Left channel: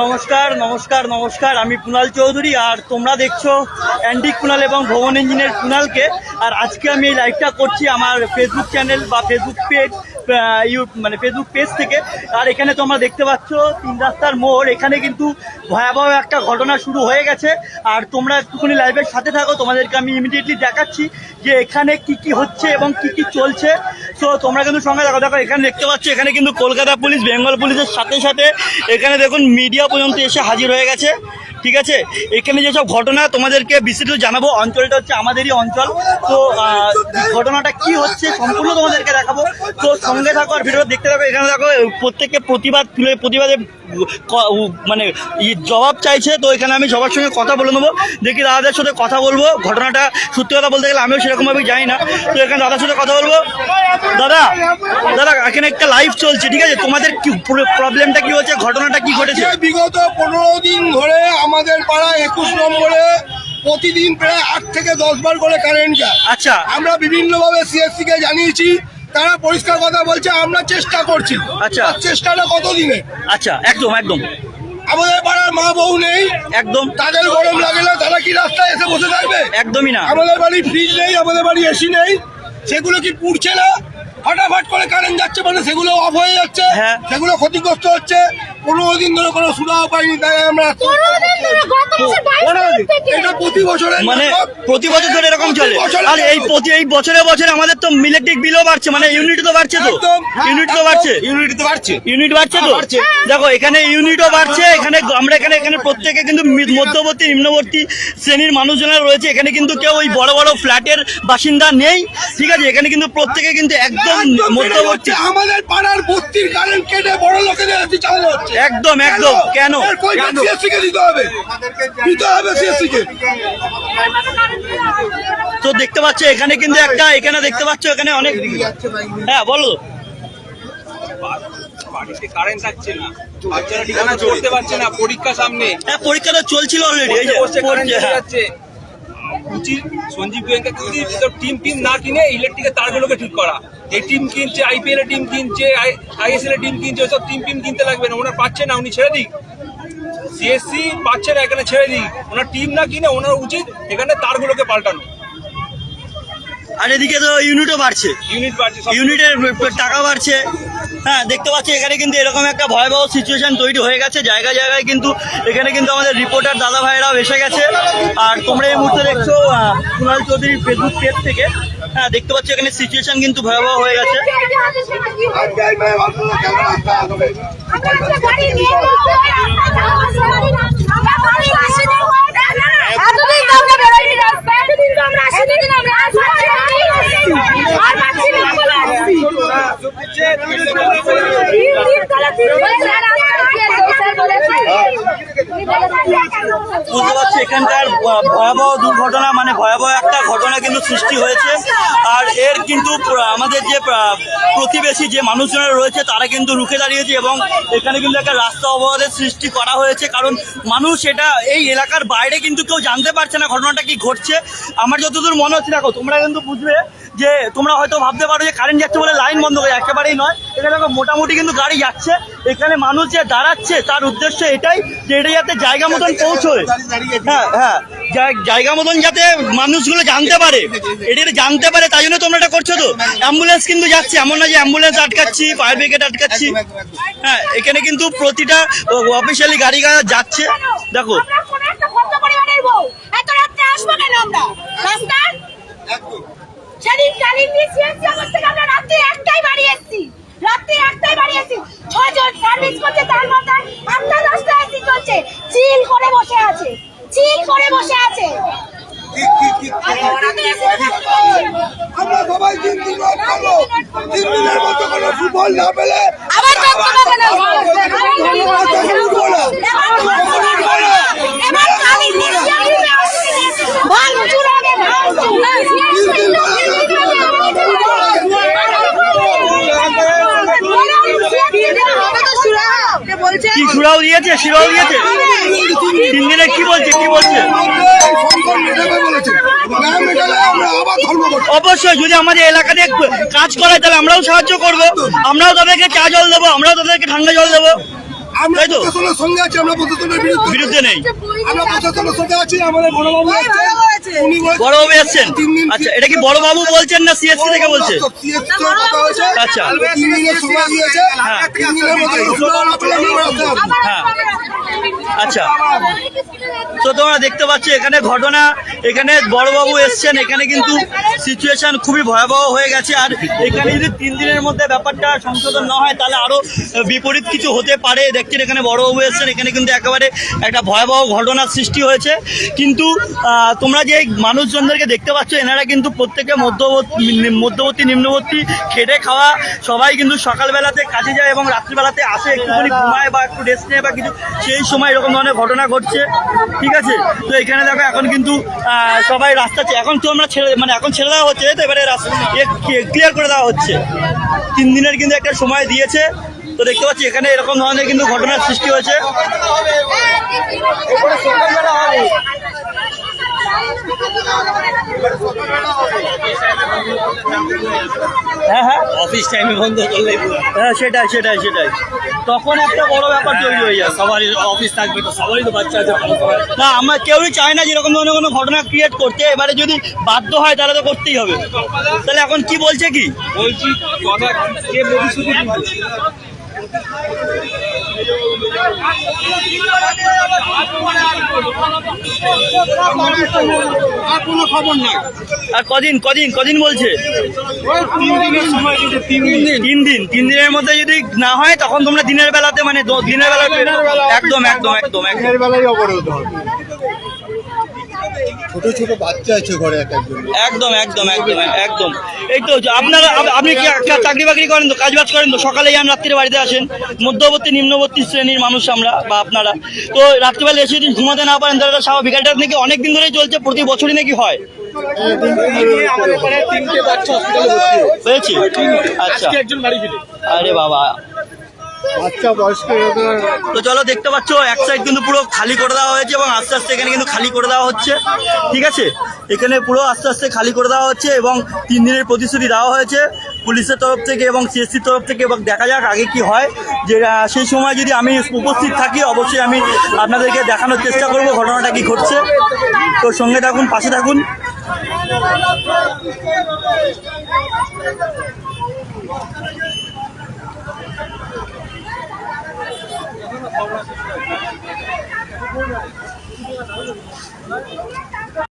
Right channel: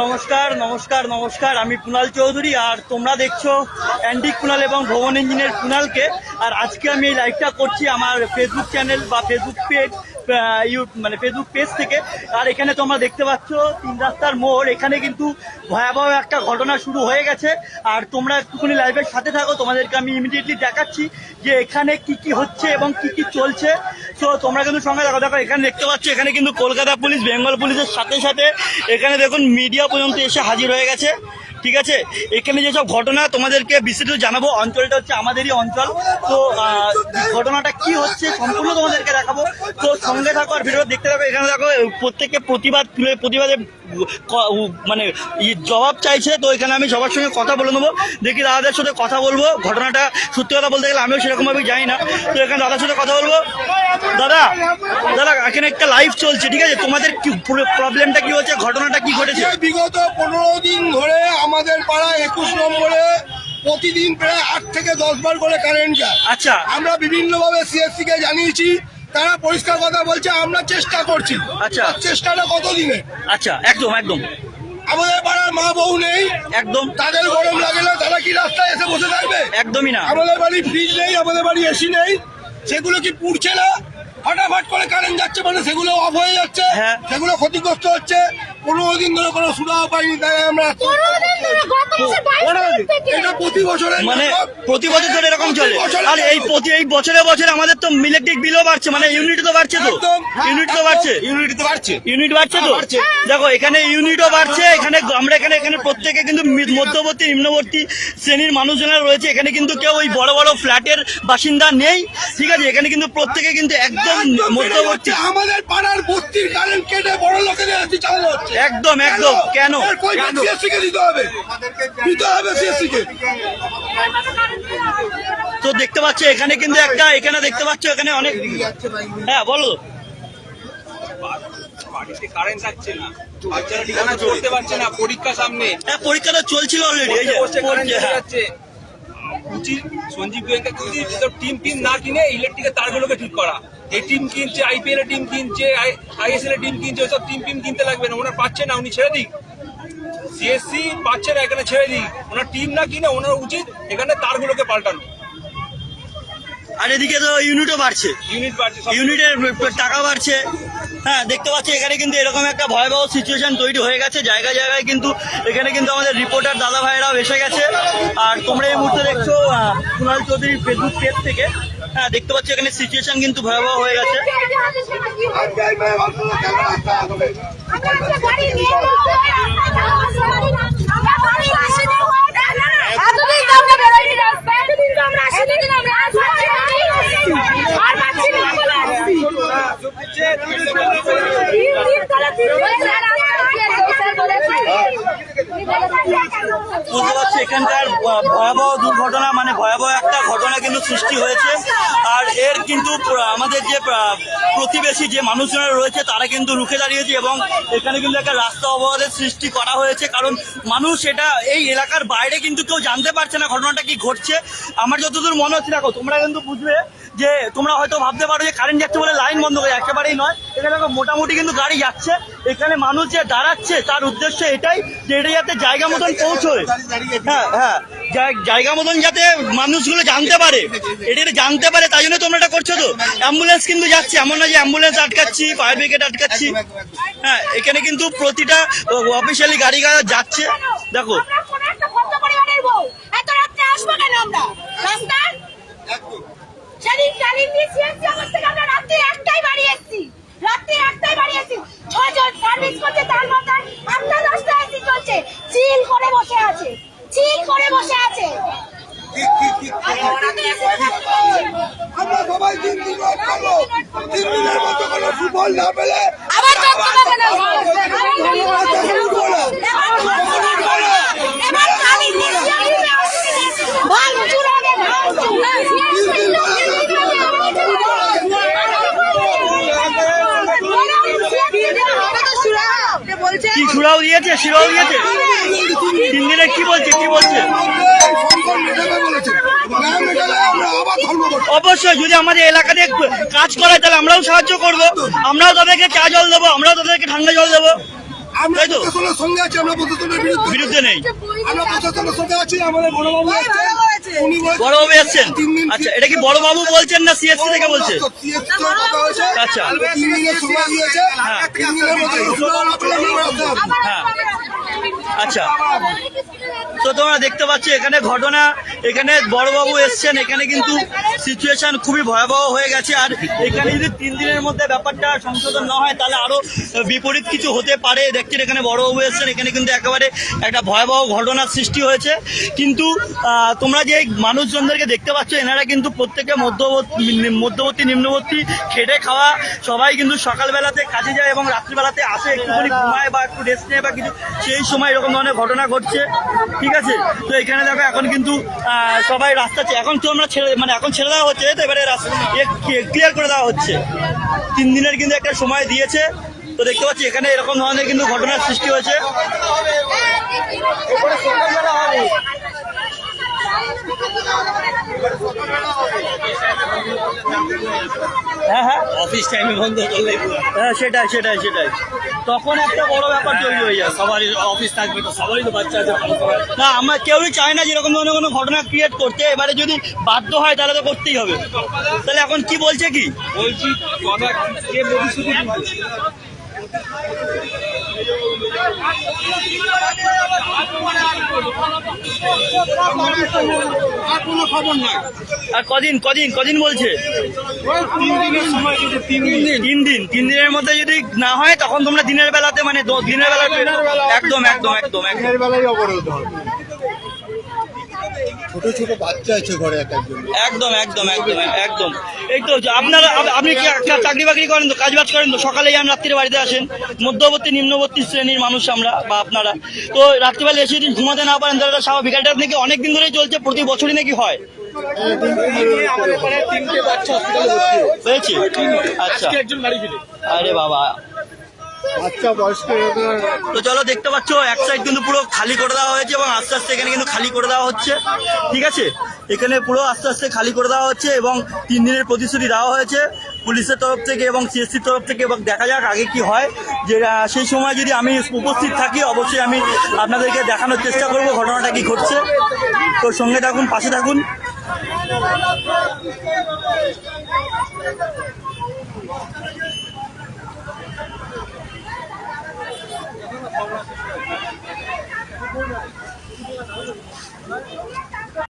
নমস্কার নমস্কার নমস্কার, আমি কুণাল চৌধুরী আর তোমরা দেখছো অ্যান্টিক কুণাল এবং ভবন ইঞ্জিনিয়ার কুণালকে। আর আজকে আমি এই লাইভটা করছি আমার ফেসবুক চ্যানেল বা ফেসবুক পেজ ফেসবুক পেজ থেকে। আর এখানে তোমরা দেখতে পাচ্ছ 3 রাস্তার মোড়, এখানে কিন্তু ভয়াবহ একটা ঘটনা শুরু হয়ে গেছে। আর তোমরা একটুখানি লাইভের সাথে থাকো, তোমাদেরকে আমি ইমিডিয়েটলি দেখাচ্ছি যে এখানে কি কি হচ্ছে এবং কি কি চলছে। তো তোমরা কিন্তু সঙ্গে দেখো। এখানে দেখতে পাচ্ছ, এখানে কিন্তু কলকাতা পুলিশ, বেঙ্গল পুলিশের সাথে সাথে এখানে দেখুন মিডিয়া পর্যন্ত এসে হাজির হয়ে গেছে। ঠিক আছে, এখানে যেসব ঘটনা তোমাদেরকে বিস্তারিত জানাবো। অঞ্চলটা হচ্ছে আমাদেরই অঞ্চল, তো ঘটনাটা কি হচ্ছে সম্পূর্ণ তোমাদেরকে দেখাবো। তো সঙ্গে থাকো আর ভিডিও দেখতে থাকো। এখানে দেখো প্রত্যেককে প্রতিবাদে মানে জবাব চাইছে। তো এখানে আমি সবার সঙ্গে কথা বলে নেবো, দেখি দাদাদের সাথে কথা বলবো। ঘটনাটা সত্যি কথা বলতে গেলে আমিও সেরকমভাবে যাই না, তো এখানে দাদার সাথে কথা বলবো। দাদা দাদা এখানে একটা লাইভ চলছে, ঠিক আছে? তোমাদের কি প্রবলেমটা কি হচ্ছে, ঘটনাটা কি ঘটেছে? বিগত 15 দিন ধরে আমাদের পাড়া 21 নম্বরে প্রতিদিন প্রায় 8 থেকে 10 বার করে কারেন্ট যায়। আচ্ছা, আমরা বিভিন্নভাবে সিএসসি কে জানিয়েছি, তারা পরিষ্কার কথা বলছে আমরা চেষ্টা করছি। আচ্ছা, চেষ্টাটা কতদিনে? আচ্ছা, একদম একদম। আমাদের পাড়ার মা বউ নেই, একদম। তাদের গরম লাগলে তারা কি রাস্তায় এসে বসে থাকবে? একদমই না। আমাদের বাড়ি ফ্রিজ নেই, আমাদের বাড়ি এসি নেই, সেগুলো কি পুড়ছে না? ফটাফট করে কারেন্ট যাচ্ছে মানে সেগুলো অফ হয়ে যাচ্ছে, সেগুলো ক্ষতিগ্রস্ত হচ্ছে। 15 দিন ধরে কোনো সুরাহা পাইনি, তাই আমরা এটা প্রতি বছরে মানে প্রতি বছর ধরে এরকম চলে। আর এই বছরে বছরে আমাদের তো ইলেকট্রিক বিলও বাড়ছে, মানে ইউনিট তো বাড়ছে, তো ইউনিট তো বাড়ছে, ইউনিট বাড়ছে তো। দেখো এখানে ইউনিটও বাড়ছে, এখানে আমরা এখানে প্রত্যেকে কিন্তু মধ্যবর্তী নিম্নবর্তী শ্রেণীর মানুষজনেরা রয়েছে। এখানে কিন্তু কেউ ওই বড় বড় ফ্ল্যাটের বাসিন্দা নেই, ঠিক আছে? এখানে কিন্তু প্রত্যেকে কিন্তু একদম মধ্যবর্তী। আমাদের পাড়ার বস্তির কারেন্ট কেটে বড় লোকেদের এসি চালানো হচ্ছে। একদম একদম। কেন? তো দেখতে পাচ্ছ এখানে কিন্তু এখানে দেখতে পাচ্ছ এখানে অনেক। হ্যাঁ বলো। কারেন্ট থাকছে না, বাচ্চারা ঠিকানা চলতে পারছে না, পরীক্ষা সামনে। হ্যাঁ, পরীক্ষা তো চলছিল অলরেডি। এই যে সঞ্জীব টিম না কিনে ইলেকট্রিকের তারগুলোকে ঠিক করা। এই টিম কিনছে, আইপিএল এর টিম কিনছে, আইএসএল এর টিম কিনছে, ওসব টিম কিনতে লাগবে না। ওনার পাচ্ছে না, উনি ছেড়ে দিক। সিএসসি পাচ্ছে না, এখানে ছেড়ে দিক। ওনার টিম না কিনে ওনার উচিত এখানে তারগুলোকে পাল্টানো। আর এদিকে তো ইউনিটও বাড়ছে, ইউনিটের টাকা বাড়ছে। হ্যাঁ, দেখতে পাচ্ছি এখানে কিন্তু এরকম একটা ভয়াবহ সিচুয়েশন তৈরি হয়ে গেছে জায়গায় জায়গায়। কিন্তু এখানে কিন্তু আমাদের রিপোর্টার দাদা ভাইরাও এসে গেছে। আর তোমরা এই মুহূর্তে দেখছো কুণাল চৌধুরীর ফেসবুক পেজ থেকে। হ্যাঁ, দেখতে পাচ্ছি এখানে সিচুয়েশন কিন্তু ভয়াবহ হয়ে গেছে। বুঝতে পারছি এখানকার ভয়াবহ দুর্ঘটনা, মানে ভয়াবহ একটা ঘটনা কিন্তু সৃষ্টি হয়েছে। আর এর কিন্তু আমাদের যে প্রতিবেশী যে মানুষজনেরা রয়েছে তারা কিন্তু রুখে দাঁড়িয়েছে এবং এখানে কিন্তু একটা রাস্তা অবরোধের সৃষ্টি করা হয়েছে। কারণ মানুষ এটা এই এলাকার বাইরে কিন্তু কেউ জানতে পারছে না ঘটনাটা কি ঘটছে। আমার যতদূর মনে হচ্ছে, দেখো তোমরা কিন্তু বুঝবে যে তোমরা হয়তো ভাবতে পারো যে কারেন্ট যাচ্ছে বলে লাইন বন্ধ করে, একেবারেই নয়। এখানে মোটামুটি কিন্তু গাড়ি যাচ্ছে। এখানে মানুষ যে দাঁড়াচ্ছে তার উদ্দেশ্য এটাই যে এটা যাতে জায়গা মতন পৌঁছয়। হ্যাঁ হ্যাঁ, জায়গা মতন যাতে মানুষগুলো জানতে পারে, এটা জানতে পারে, তাই জন্য তোমরা এটা করছো। তো অ্যাম্বুলেন্স কিন্তু যাচ্ছে, এমন না যে অ্যাম্বুলেন্স আটকাচ্ছি, ফায়ার ব্রিগেড আটকাচ্ছি। হ্যাঁ, এখানে কিন্তু প্রতিটা অফিসিয়ালি গাড়ি যাচ্ছে। দেখো আমরা সবাই 3 দিনের মতো কোনো সুফল না পেলে কি সুরাও দিয়েছে, শিরাও দিয়েছে। 3 দিনে কি বলছে? অবশ্যই যদি আমাদের এলাকাতে কাজ করে তাহলে আমরাও সাহায্য করবো, আমরাও তাদেরকে চা জল দেবো, আমরাও তাদেরকে ঠান্ডা জল দেবো। আমরা তাই তো? প্রশাসনের সঙ্গে আছি, আমরা প্রশাসনের বিরুদ্ধে নেই। আমরা প্রশাসনের সঙ্গে আছি। আমাদের বড়বাবু এসেছেন, উনি বলছেন বড়বাবু এসছেন? 3 দিন আচ্ছা, এটা কি বড়বাবু বলছেন না সিএসসি থেকে বলছে? CSC র কথা হয়েছে। আচ্ছা। 3 দিনের সময় দিয়েছে। হ্যাঁ। 3 দিনের মধ্যে সুধার আপেল আমরা রাখতে পারবো। হ্যাঁ, আচ্ছা। তো তোমরা দেখতে পাচ্ছ এখানে ঘটনা, এখানে বড়বাবু এসছেন, এখানে কিন্তু সিচুয়েশন খুবই ভয়াবহ হয়ে গেছে। আর এখানে যদি 3 দিনের মধ্যে ব্যাপারটা সংশোধন না হয় তাহলে আরো বিপরীত কিছু হতে পারে। দেখছেন এখানে বড়বাবু এসছেন, এখানে কিন্তু একেবারে একটা ভয়াবহ ঘটনার সৃষ্টি হয়েছে। কিন্তু তোমরা যে মানুষজনদেরকে দেখতে পাচ্ছ এনারা কিন্তু প্রত্যেকে মধ্যবর্তী নিম্নবর্তী, খেটে খাওয়া, সবাই কিন্তু সকালবেলাতে কাজে যায় এবং রাত্রিবেলাতে আসে, একটুখানি ঘুমায় বা একটু রেস্ট নেয় বা কিছু, সেই সময় এরকম ধরনের ঘটনা ঘটছে। ঠিক আছে, তো এখানে দেখো এখন কিন্তু সবাই রাস্তা এখন তো আমরা এখন ছেড়ে দেওয়া হচ্ছে, তো এবারে ক্লিয়ার করে দেওয়া হচ্ছে। 3 দিনের কিন্তু একটা সময় দিয়েছে। তো দেখতে পাচ্ছি এখানে এরকম ধরনের কিন্তু ঘটনার সৃষ্টি হয়েছে। হ্যাঁ হ্যাঁ, অফিস টাইমে বন্ধ করলে হ্যাঁ, সেটাই সেটাই সেটাই, তখন একটা বড় ব্যাপার তৈরি হয়ে যায়। সবারই অফিস থাকবে, তো সবারই তো বাচ্চা আছে। না, আমরা কেউই চাই না যেরকম ধরনের কোনো ঘটনা ক্রিয়েট করতে। এবারে যদি বাধ্য হয় তাহলে তো করতেই হবে। তাহলে এখন কি বলছে কি? বলছি কথা কে প্রতিশ্রুতি দিচ্ছে? আর কোনো খবর নাই। আর কদিন বলছে? 3 দিনের সময় দিয়েছে, 3 দিন। 3 দিনের মধ্যে যদি না হয় তখন তোমরা দিনের বেলাতে দিনের বেলাতে একদম একদম একদম একদম দিনের বেলায় অবরোধ হবে। ছোট ছোট বাচ্চা আছে ঘরে একজন। একদম একদম একদম একদম। এই তো আপনারা, আপনি কি চাকরি বাকরি করেন তো, কাজ বাজ করেন তো, সকালে যান রাত্রিরে বাড়িতে আসেন, মধ্যবর্তী নিম্নবর্তী শ্রেণীর মানুষ আমরা বা আপনারা, তো রাত্রিবেলা এসে যদি ঘুমাতে না পারেন তাহলে স্বাভাবিক। এটা নাকি অনেকদিন ধরেই চলছে, প্রতি বছরই নাকি হয়? আমাদের পাড়ায় 3টে বাচ্চা হসপিটালে ভর্তি হয়েছে। হয়েছে? আচ্ছা, একজন বাড়ি ফিরে আরে বাবা। বাচ্চা বয়স্ক তো চলো, দেখতে পাচ্ছ এক সাইড কিন্তু পুরো খালি করে দেওয়া হয়েছে এবং আস্তে আস্তে এখানে কিন্তু খালি করে দেওয়া হচ্ছে। ঠিক আছে, এখানে পুরো আস্তে আস্তে খালি করে দেওয়া হচ্ছে এবং 3 দিনের প্রতিশ্রুতি দেওয়া হয়েছে পুলিশের তরফ থেকে এবং সিএসসির তরফ থেকে। এবং দেখা যাক আগে কি হয়। যে সেই সময় যদি আমি উপস্থিত থাকি অবশ্যই আমি আপনাদেরকে দেখানোর চেষ্টা করব ঘটনাটা কি ঘটছে। তো সঙ্গে থাকুন, পাশে থাকুন।